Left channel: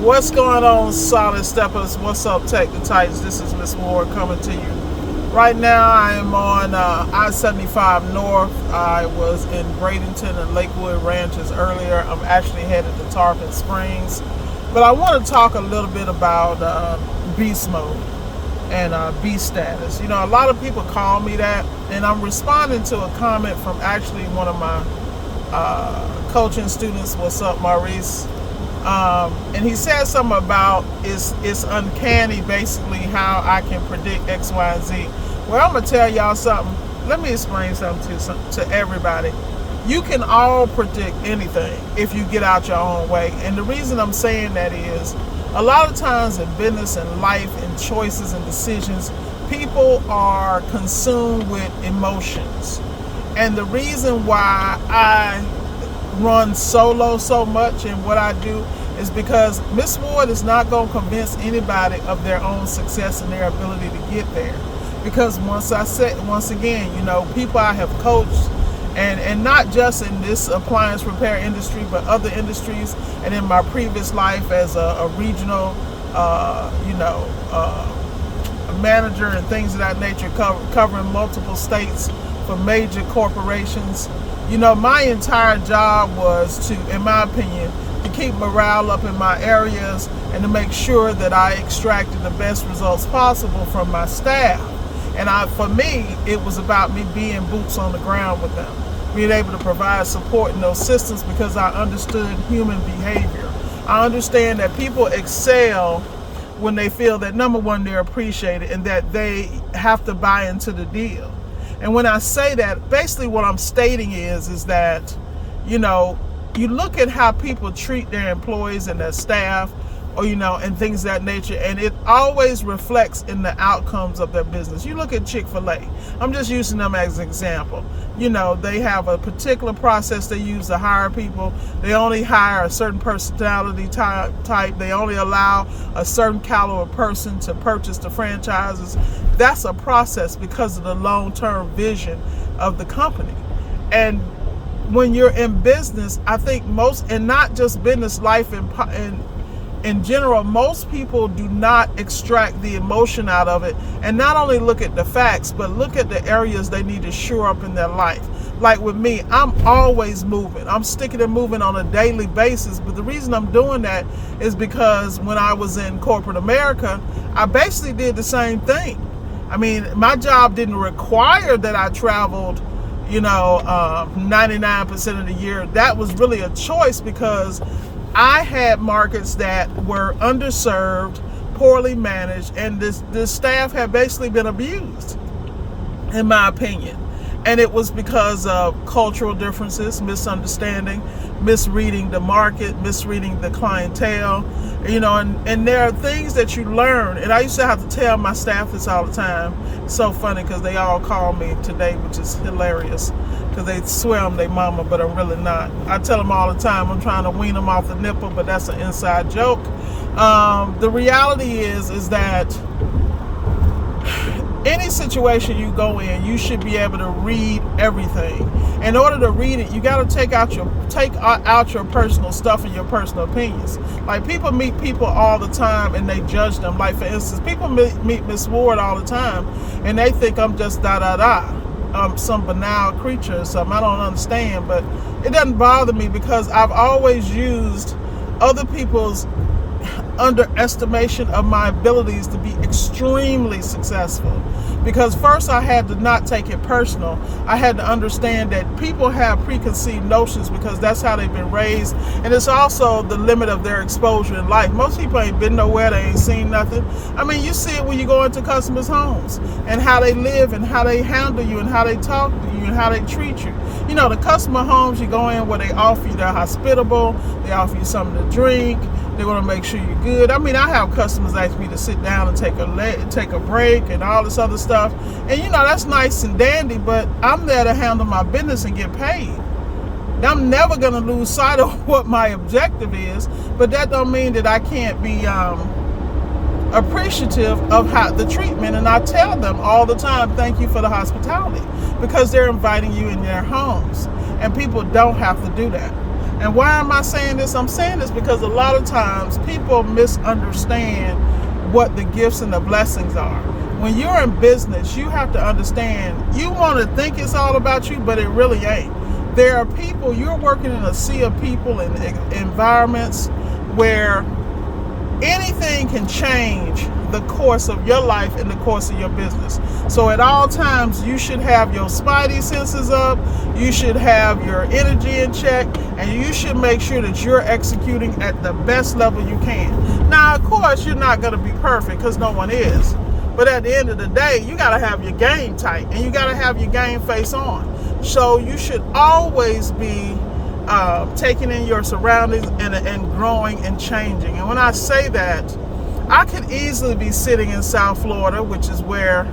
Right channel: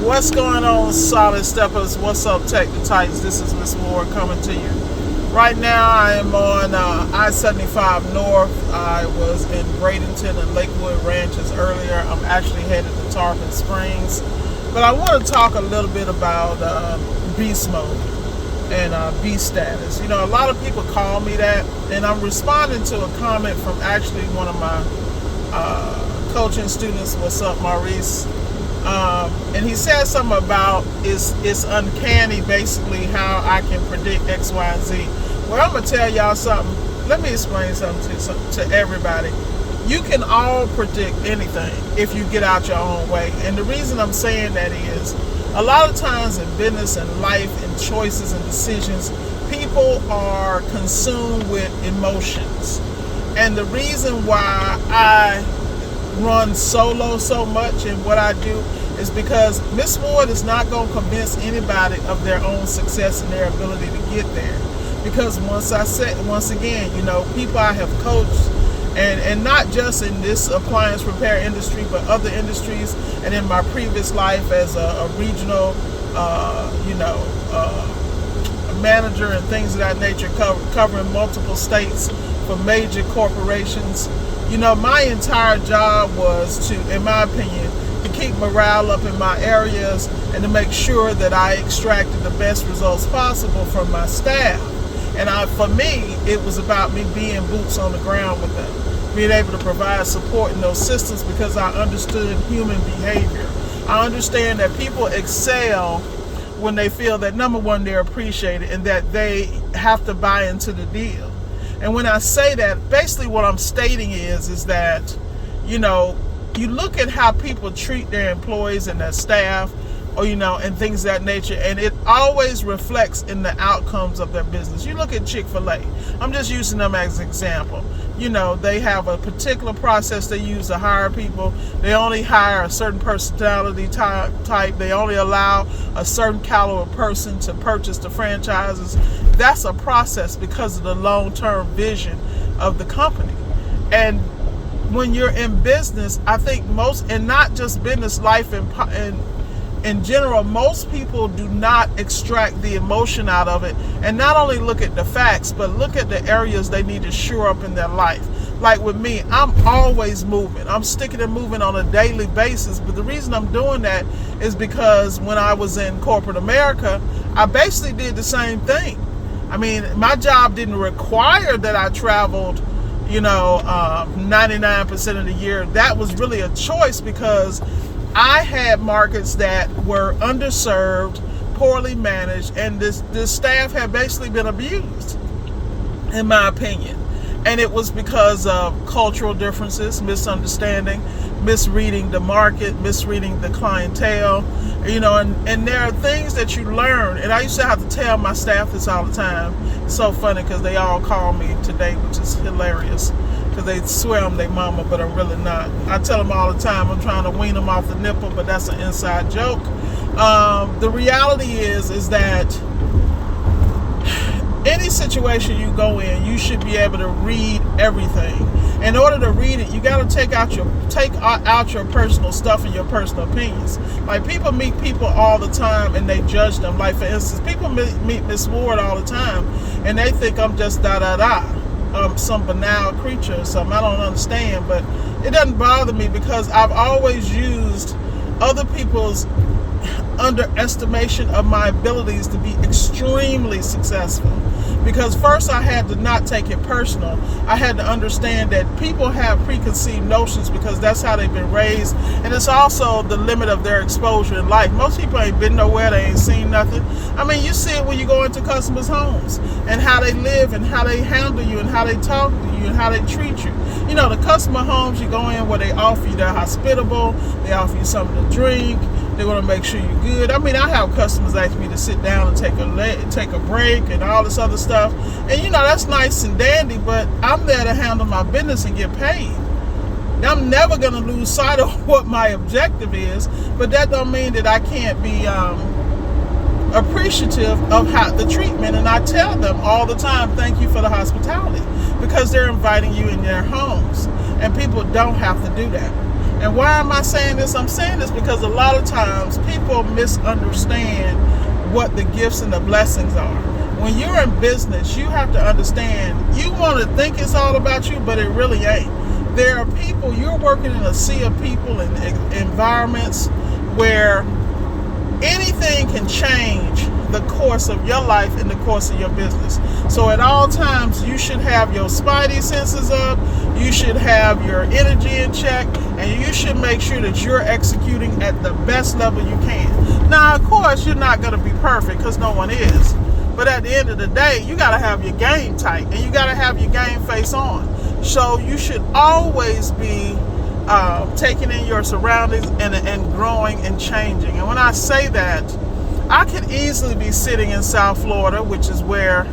What's going on, Solid Steppers? What's up, Tech the Titans? This is Miss Ward coming to you. Right now, I am on I-75 North. I was in Bradenton and Lakewood Ranches earlier. I'm actually headed to Tarpon Springs. But I want to talk a little bit about beast mode and beast status. You know, a lot of people call me that, and I'm responding to a comment from actually one of my coaching students. What's up, Maurice? And he said something about it's uncanny, basically, how I can predict X, Y, and Z. Well, I'm going to tell y'all something. Let me explain something to everybody. You can all predict anything if you get out your own way. And the reason I'm saying that is a lot of times in business and life and choices and decisions, people are consumed with emotions. And the reason why I run solo so much in what I do is because Miss Ward is not going to convince anybody of their own success and their ability to get there. Because once again, you know, people I have coached, and not just in this appliance repair industry, but other industries, and in my previous life as a regional, manager and things of that nature, covering multiple states for major corporations. You know, my entire job was to, in my opinion, to keep morale up in my areas and to make sure that I extracted the best results possible from my staff. And for me, it was about me being boots on the ground with them, being able to provide support in those systems because I understood human behavior. I understand that people excel when they feel that, number one, they're appreciated and that they have to buy into the deal. And when I say that, basically what I'm stating is that, you know, you look at how people treat their employees and their staff, or, you know, and things of that nature, and it always reflects in the outcomes of their business. You look at Chick-fil-A. I'm just using them as an example. You know, they have a particular process they use to hire people. They only hire a certain personality type. They only allow a certain caliber person to purchase the franchises. That's a process because of the long-term vision of the company. And when you're in business, I think most, and not just business, life in general, most people do not extract the emotion out of it and not only look at the facts, but look at the areas they need to shore up in their life. Like with me, I'm always moving. I'm sticking and moving on a daily basis. But the reason I'm doing that is because when I was in corporate America, I basically did the same thing. I mean, my job didn't require that I traveled, 99% of the year. That was really a choice because I had markets that were underserved, poorly managed, and the staff had basically been abused, in my opinion. And it was because of cultural differences, misunderstanding, misreading the market, misreading the clientele, and there are things that you learn. And I used to have to tell my staff this all the time. It's so funny because they all call me today, which is hilarious, because they swear I'm their mama, but I'm really not. I tell them all the time I'm trying to wean them off the nipple, but that's an inside joke. The reality is that any situation you go in, you should be able to read everything. In order to read it, you got to take out your personal stuff and your personal opinions. Like, people meet people all the time and they judge them. Like, for instance, people meet Miss Ward all the time and they think I'm just some banal creature or something. I don't understand, but it doesn't bother me because I've always used other people's underestimation of my abilities to be extremely successful. Because first I had to not take it personal. I had to understand that people have preconceived notions because that's how they've been raised, and it's also the limit of their exposure in life. Most people ain't been nowhere, they ain't seen nothing. I mean, you see it when you go into customers' homes and how they live and how they handle you and how they talk to you and how they treat you. You know, the customer homes you go in where they offer you, they're hospitable, they offer you something to drink, they want to make sure you're good. I mean, I have customers ask me to sit down and take a break and all this other stuff. And, that's nice and dandy, but I'm there to handle my business and get paid. Now, I'm never going to lose sight of what my objective is, but that don't mean that I can't be appreciative of the treatment. And I tell them all the time, thank you for the hospitality, because they're inviting you in their homes. And people don't have to do that. And why am I saying this? I'm saying this because a lot of times people misunderstand what the gifts and the blessings are. When you're in business, you have to understand, you want to think it's all about you, but it really ain't. There are people, you're working in a sea of people and environments where anything can change the course of your life and the course of your business. So at all times, you should have your spidey senses up, you should have your energy in check, and you should make sure that you're executing at the best level you can. Now, of course, you're not going to be perfect because no one is. But at the end of the day, you got to have your game tight and you got to have your game face on. So you should always be taking in your surroundings and growing and changing. And when I say that, I could easily be sitting in South Florida, which is where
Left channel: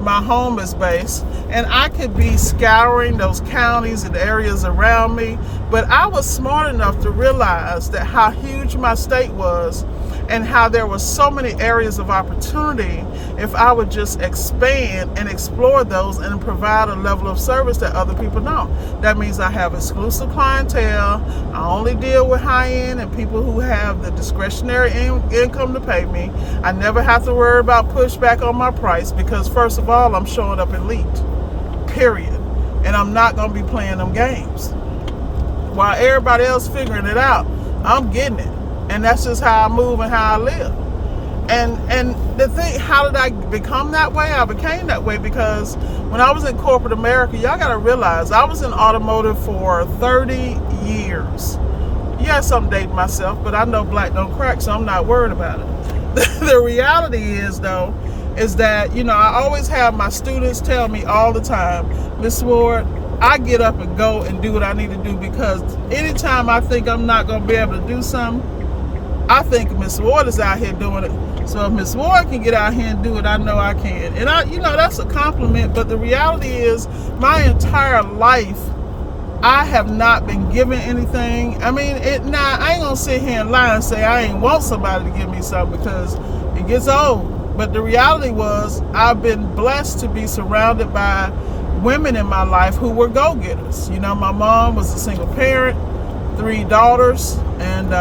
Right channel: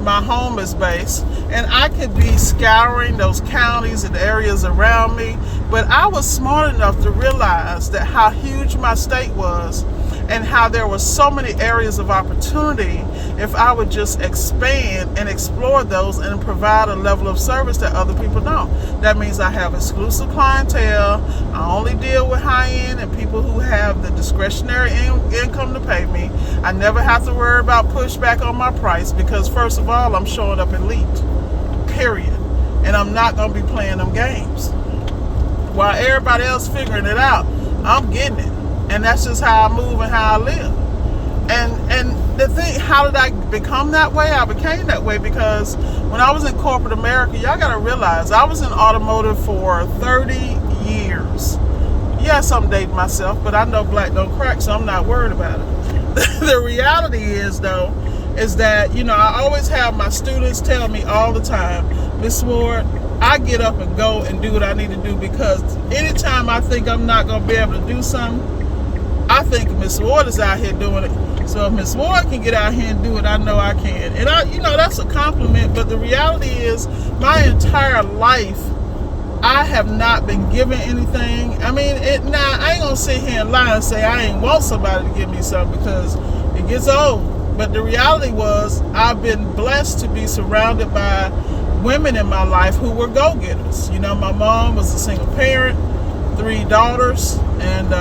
my home is based, and I could be scouring those counties and areas around me, but I was smart enough to realize that how huge my state was and how there were so many areas of opportunity if I would just expand and explore those and provide a level of service that other people don't. That means I have exclusive clientele. I only deal with high-end and people who have the discretionary income to pay me. I never have to worry about pushback on my price because, first of all, I'm showing up elite, period. And I'm not going to be playing them games. While everybody else figuring it out, I'm getting it. And that's just how I move and how I live. And the thing, how did I become that way? I became that way because when I was in corporate America, y'all got to realize I was in automotive for 30 years. Yes, I'm dating myself, but I know black don't crack, so I'm not worried about it. The reality is, though, is that, you know, I always have my students tell me all the time, Miss Ward, I get up and go and do what I need to do because anytime I think I'm not going to be able to do something, I think Miss Ward is out here doing it. So if Miss Ward can get out here and do it, I know I can. And that's a compliment, but the reality is my entire life, I have not been given anything. I mean, I ain't gonna sit here and lie and say I ain't want somebody to give me something because it gets old. But the reality was I've been blessed to be surrounded by women in my life who were go-getters. You know, my mom was a single parent, 3 daughters, and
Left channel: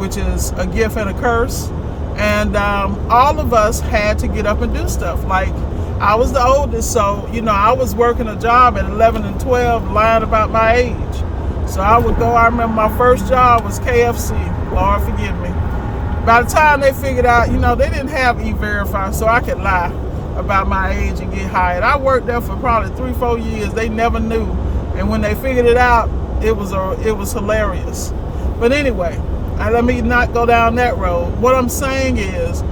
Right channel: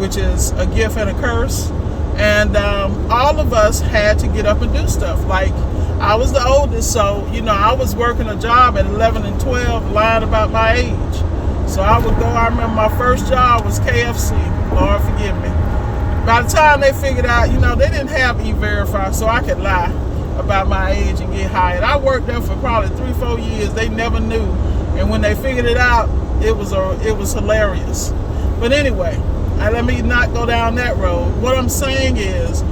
which is a gift and a curse. And all of us had to get up and do stuff. Like, I was the oldest, so, you know, I was working a job at 11 and 12, lying about my age. So I would go, I remember my first job was KFC. Lord forgive me. By the time they figured out, you know, they didn't have E-Verify, so I could lie about my age and get hired. I worked there for probably 3-4 years. They never knew. And when they figured it out, it was hilarious. But anyway, let me not go down that road. What I'm saying is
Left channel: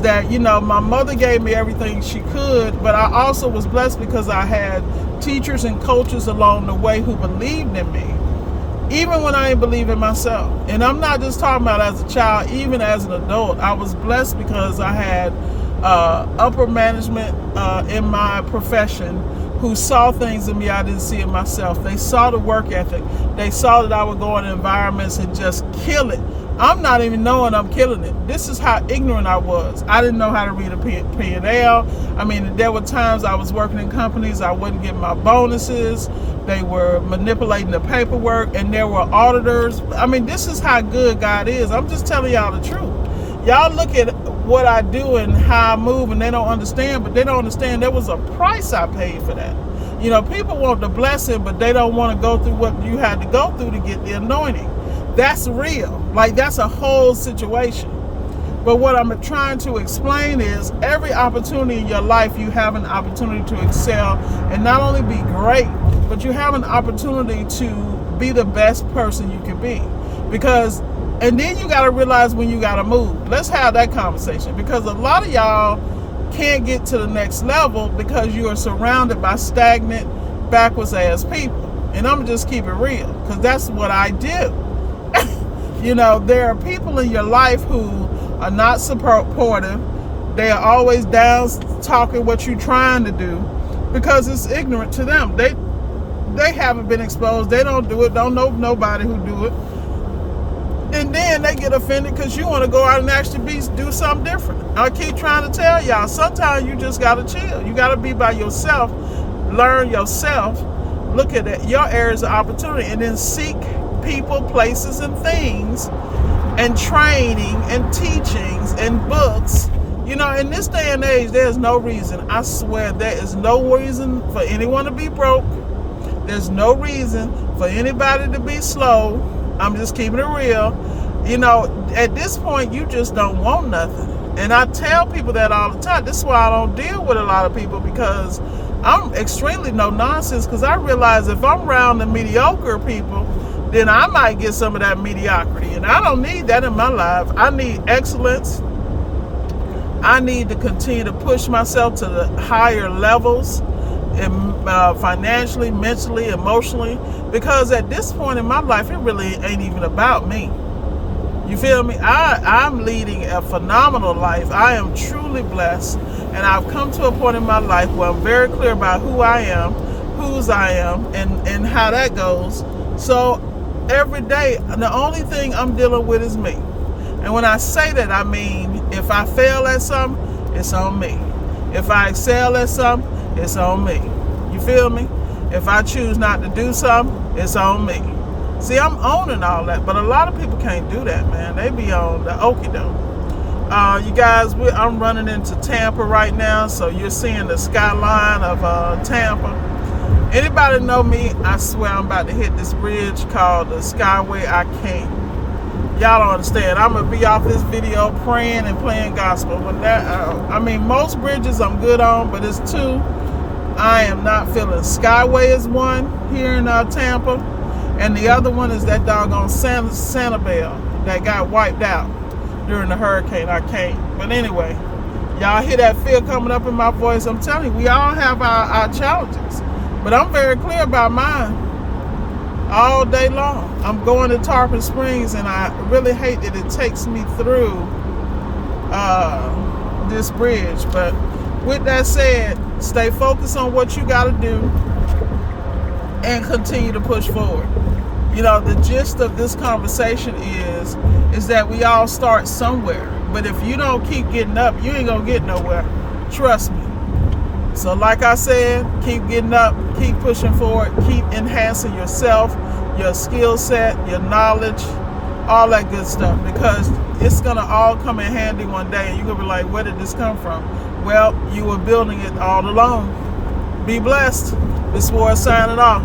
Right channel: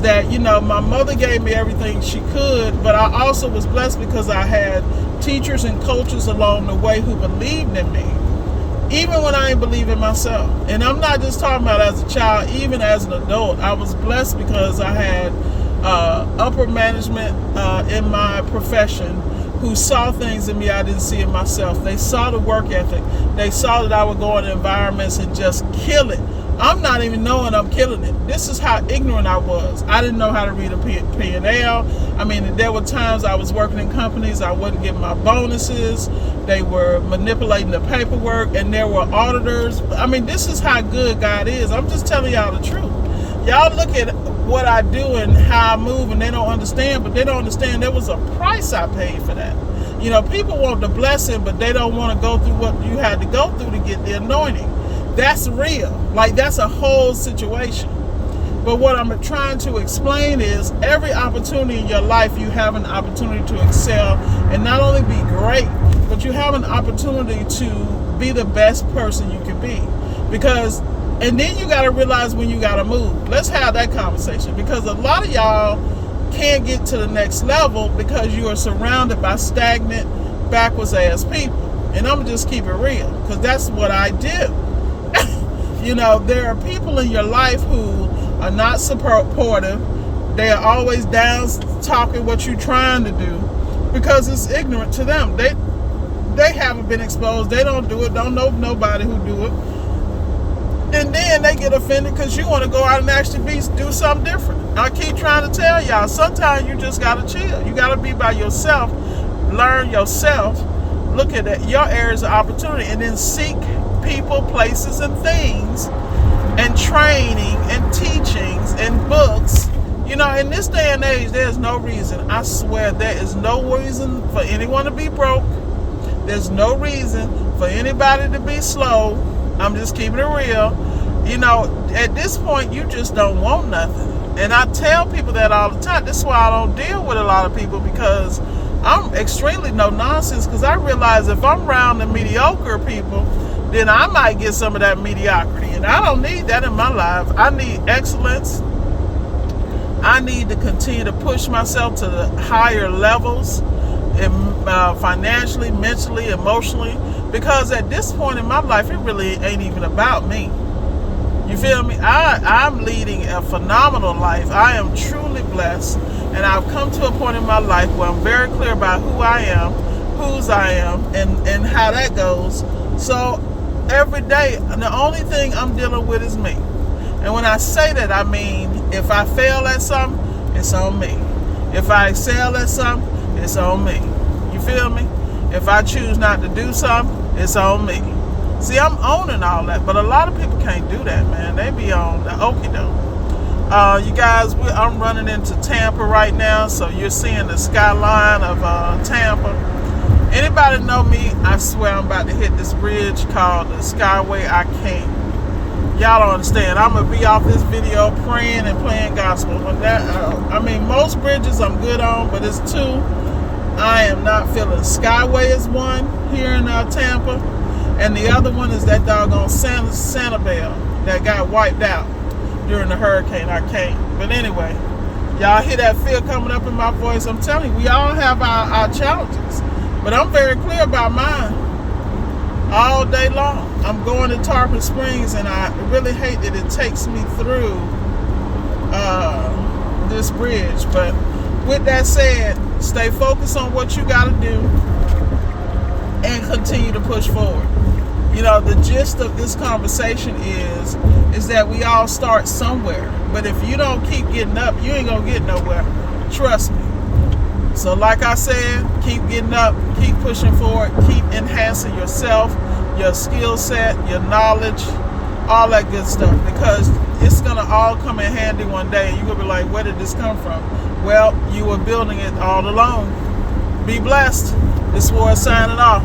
that, you know, my mother gave me everything she could, but I also was blessed because I had teachers and coaches along the way who believed in me, even when I didn't believe in myself. And I'm not just talking about as a child, even as an adult. I was blessed because I had upper management in my profession who saw things in me I didn't see in myself. They saw the work ethic. They saw that I would go in environments and just kill it. I'm not even knowing I'm killing it. This is how ignorant I was. I didn't know how to read a P&L. I mean, there were times I was working in companies, I wouldn't get my bonuses. They were manipulating the paperwork, and there were auditors. I mean, this is how good God is. I'm just telling y'all the truth. Y'all look at what I do and how I move, and they don't understand, but they don't understand there was a price I paid for that. You know, people want the blessing, but they don't want to go through what you had to go through to get the anointing. That's real. Like, that's a whole situation. But what I'm trying to explain is every opportunity in your life, you have an opportunity to excel and not only be great, but you have an opportunity to be the best person you can be. And then you got to realize when you got to move. Let's have that conversation, because a lot of y'all can't get to the next level because you are surrounded by stagnant, backwards ass people. And I'm going to just keep it real, because that's what I do. You know, there are people in your life who are not supportive. They are always down talking what you're trying to do because it's ignorant to them. They haven't been exposed. They don't do it. Don't know nobody who do it. And then they get offended because you want to go out and actually do something different. I keep trying to tell y'all, sometimes you just got to chill. You got to be by yourself, learn yourself, look at your areas of opportunity, and then seek people, places, and things, and training and teachings and books. You know, in this day and age, there's no reason, I swear, there is no reason for anyone to be broke. There's no reason for anybody to be slow. I'm just keeping it real. You know, at this point, you just don't want nothing. And I tell people that all the time. This is why I don't deal with a lot of people, because I'm extremely no nonsense, because I realize if I'm around the mediocre people, then I might get some of that mediocrity. And I don't need that in my life. I need excellence. I need to continue to push myself to the higher levels, and financially, mentally, emotionally, because at this point in my life, it really ain't even about me. You feel me? I'm leading a phenomenal life. I am truly blessed, and I've come to a point in my life where I'm very clear about who I am, whose I am, and how that goes. So every day, the only thing I'm dealing with is me. And when I say that, I mean, if I fail at something, it's on me. If I excel at something, it's on me. You feel me? If I choose not to do something, it's on me. See, I'm owning all that, but a lot of people can't do that, man. They be on the okie doke. You guys, I'm running into Tampa right now, so you're seeing the skyline of Tampa. Anybody know me? I swear I'm about to hit this bridge called the Skyway. I can't. Y'all don't understand. I'm gonna be off this video praying and playing gospel. But I mean, most bridges I'm good on, but it's two I am not feeling. Skyway is one here in Tampa, and the other one is that doggone Sanibel that got wiped out during the hurricane. I can't. But anyway, y'all hear that fear coming up in my voice. I'm telling you, we all have our challenges, but I'm very clear about mine all day long. I'm going to Tarpon Springs, and I really hate that it takes me through this bridge. But with that said, stay focused on what you got to do and continue to push forward. You know, the gist of this conversation is that we all start somewhere. But if you don't keep getting up, you ain't going to get nowhere. Trust me. So like I said, keep getting up, keep pushing forward, keep enhancing yourself, your skill set, your knowledge, all that good stuff, because it's going to all come in handy one day, and you're going to be like, where did this come from? Well, you were building it all along. Be blessed. This was signing off.